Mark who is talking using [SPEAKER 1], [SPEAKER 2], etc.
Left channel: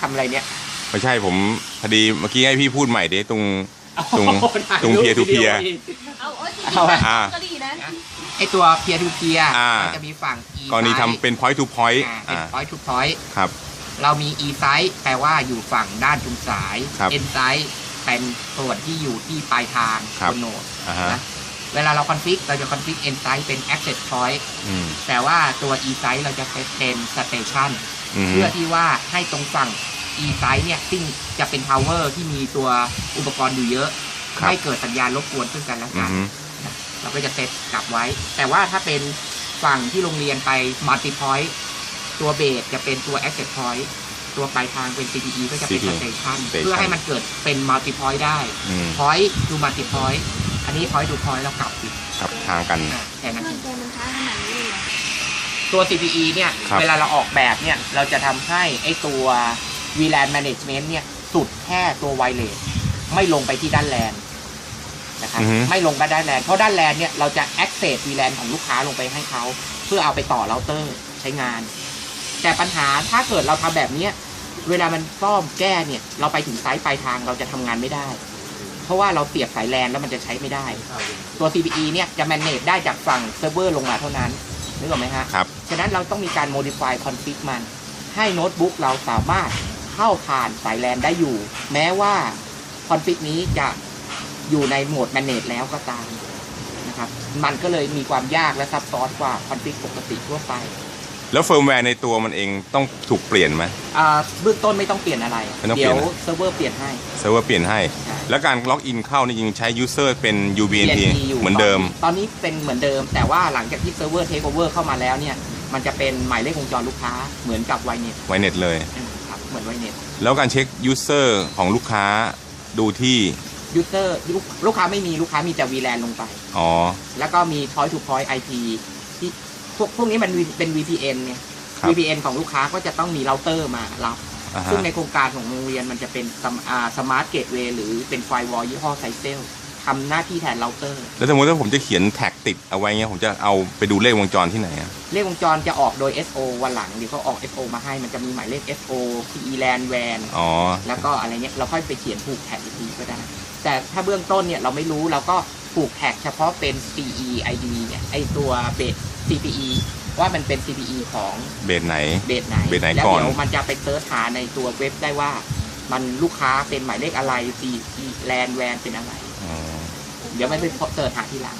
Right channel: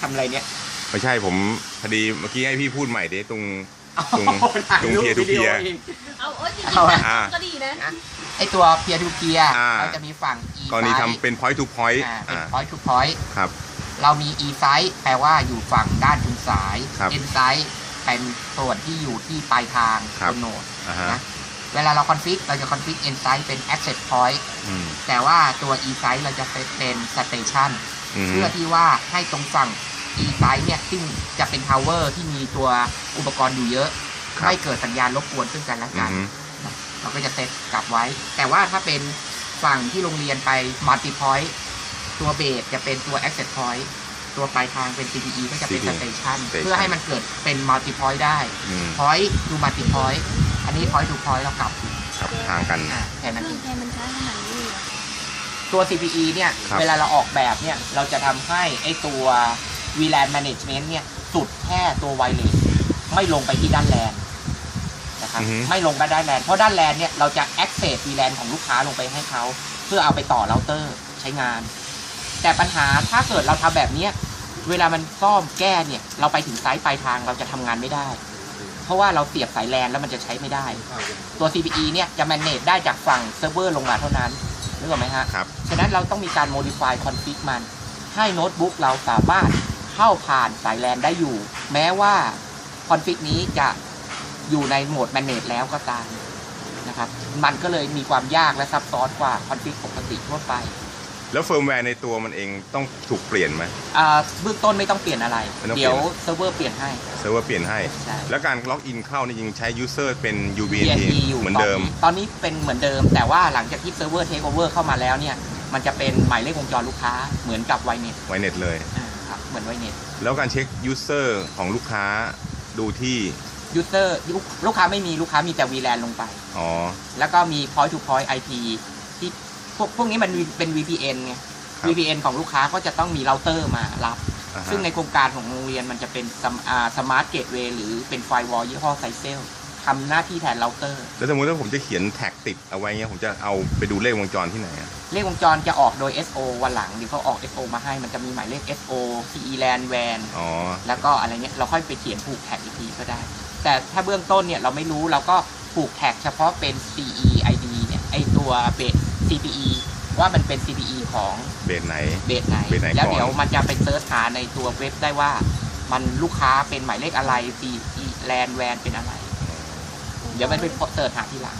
[SPEAKER 1] ทำอะไรเนี่ย
[SPEAKER 2] ไม่ใช่ผมพอดีเมื่อกี้ให้พี่พูดใหม่ดิตรงตรง
[SPEAKER 1] โอ้โหถ่าย
[SPEAKER 2] ตรง
[SPEAKER 1] รูป
[SPEAKER 2] peer to
[SPEAKER 1] วิดีโอ
[SPEAKER 2] peer
[SPEAKER 1] อีก
[SPEAKER 3] เอาเออจริง
[SPEAKER 1] เอาอะ
[SPEAKER 3] ๆก็ดีนะ
[SPEAKER 1] นะไอตัว peer to peer
[SPEAKER 2] อ่า
[SPEAKER 1] มันจะมีฝั่ง e
[SPEAKER 2] กรณีทำเป็น point to point
[SPEAKER 1] อ่าเป็น
[SPEAKER 2] อ่า
[SPEAKER 1] point to point
[SPEAKER 2] ครับ
[SPEAKER 1] เรามี e side แปลว่าอยู่ฝั่งด้านชุมสาย
[SPEAKER 2] ครับ
[SPEAKER 1] n side เป็นส่วนที่อยู่ที่ปลายทาง
[SPEAKER 2] ครับ
[SPEAKER 1] บนโนด
[SPEAKER 2] อ่าฮะ
[SPEAKER 1] นะ เวลาเรา config เราจะ config n side เป็น access point
[SPEAKER 2] อืม
[SPEAKER 1] แต่ว่าตัว e side เราจะเป็น station
[SPEAKER 2] อืม
[SPEAKER 1] เพื่อที่ว่าให้ตรงฝั่ง e side เนี่ยซึ่งจะเป็น tower ที่มีตัวอุปกรณ์อยู่เยอะ
[SPEAKER 2] ครับ
[SPEAKER 1] ไม่เกิดสัญญาณรบกวนซึ่งกันและ
[SPEAKER 2] อื
[SPEAKER 1] กัน
[SPEAKER 2] ม
[SPEAKER 1] เราก็จะเซตกลับไว้ แต่ว่าถ้าเป็นฝั่งที่โรงเรียนไป multi point ตัวเบสจะเป็นตัว access point ตัวปลายทางเป็น CPE ก็จะเป็น
[SPEAKER 2] CPE
[SPEAKER 1] station
[SPEAKER 2] station
[SPEAKER 1] เพื่อให้มันเกิดเป็น multi point ได้
[SPEAKER 2] อืม
[SPEAKER 1] point to multi point อันนี้ point to point เรากลับสิ
[SPEAKER 2] ครับทางกัน
[SPEAKER 1] อะแค่นั้นเอง
[SPEAKER 3] ทำไมมันช้าขนาดนี้เลยเหรอ
[SPEAKER 1] ตัว CPE เนี่ย
[SPEAKER 2] ครับ
[SPEAKER 1] เวลาเราออกแบบเนี่ย เราจะทำให้ไอ้ตัว VLAN management เนี่ย สุดแค่ตัว wireless ไม่ลงไปที่ด้านแลนนะครับ
[SPEAKER 2] อือฮึ
[SPEAKER 1] ไม่ลงไปด้านแลน เพราะด้านแลนเนี่ย เราจะ access VLAN ของลูกค้าลงไปให้เขา เพื่อเอาไปต่อเราเตอร์ใช้งาน แต่ปัญหาถ้าเกิดเราทำแบบเนี้ย เวลามันซ่อมแก้เนี่ย เราไปถึงไซต์ปลายทางเราจะทำงานไม่ได้ เพราะว่าเราเสียบสายแลนแล้วมันจะใช้ไม่ได้ ตัว CPE เนี่ยจะ manage ได้จากฝั่งเซิร์ฟเวอร์ลงมาเท่านั้นนึกออกไหมฮะ
[SPEAKER 2] ครับ
[SPEAKER 1] ฉะนั้นเราต้องมีการ modify config มัน ให้โน้ตบุ๊กเราสามารถเข้าผ่านสายแลนได้อยู่ แม้ว่า config นี้จะอยู่ในโหมด manage แล้วก็ตามนะครับ มันก็เลยมีความยากและซับซ้อนกว่า config ปกติทั่วไป
[SPEAKER 2] แล้วเฟิร์มแวร์ในตัวมันเองต้องถูกเปลี่ยนไหม
[SPEAKER 1] อ่าเบื้องต้นไม่ต้องเปลี่ยนอะไร
[SPEAKER 2] ไม่ต้องเปลี่
[SPEAKER 1] เดี๋
[SPEAKER 2] ย
[SPEAKER 1] ย
[SPEAKER 2] น
[SPEAKER 1] วเซิร์ฟเวอร์เปลี่ยนให้
[SPEAKER 2] เซิร์ฟเวอร์เปลี่ยนให้
[SPEAKER 1] ใช่
[SPEAKER 2] แล้วการล็อกอินเข้านี่ยังใช้ user เป็น UBNT
[SPEAKER 1] TNT อยู่
[SPEAKER 2] เหมือนเดิม
[SPEAKER 1] ตอนนี้ตอนนี้เป็นเหมือนเดิม แต่ว่าหลังจากที่เซิร์ฟเวอร์เทคโอเวอร์เข้ามาแล้วเนี่ย มันจะเป็นหมายเลขวงจรลูกค้าเหมือนกับไวเน็ต
[SPEAKER 2] ไวเน็ตเลย
[SPEAKER 1] ครับ เหมือนไวเน็ต
[SPEAKER 2] แล้วการเช็ค user ของลูกค้าดูที่
[SPEAKER 1] ยูเซอร์ลูกค้าไม่มีลูกค้ามีแต่ VLAN ลงไป
[SPEAKER 2] อ๋อ
[SPEAKER 1] แล้วก็มี point to point IP ที่ พวกพวกนี้มันเป็น VPN ไง
[SPEAKER 2] ครับ
[SPEAKER 1] VPN ของลูกค้าก็จะต้องมีเราเตอร์มารับ
[SPEAKER 2] อ่าฮะ
[SPEAKER 1] ซึ่งในโครงการของโรงเรียนมันจะเป็นสมาร์ทเกตเวย์หรือเป็นไฟวอลยี่ห้อไซเซลทำหน้าที่แทนเราเตอร์
[SPEAKER 2] แล้วสมมติถ้าผมจะเขียนแท็กติดเอาไว้เงี้ยผมจะเอาไปดูเลขวงจรที่ไหนอะ
[SPEAKER 1] เลขวงจรจะออกโดย SO วันหลังเดี๋ยวเขาออก SO มาให้มันจะมีหมายเลข SO CE LAN WAN
[SPEAKER 2] อ๋อ
[SPEAKER 1] แล้วก็อะไรเงี้ยเราค่อยไปเขียนผูกแท็กอีกทีก็ได้ แต่ถ้าเบื้องต้นเนี่ยเราไม่รู้เราก็ผูกแท็กเฉพาะเป็น CE ID เนี่ยไอตัวเบส CPE ว่ามันเป็น CPE ของ
[SPEAKER 2] เบสไหน
[SPEAKER 1] เบสไหน
[SPEAKER 2] เบสไหน
[SPEAKER 1] แล้ว
[SPEAKER 2] ก่อน
[SPEAKER 1] เดี๋ยวมันจะไปเซิร์ชหาในตัวเว็บได้ว่า มันลูกค้าเป็นหมายเลขอะไร CE LAN WAN เป็นอะไร
[SPEAKER 2] อ๋อ
[SPEAKER 1] เดี๋ยวมันไปเสิร์ชหาทีหลัง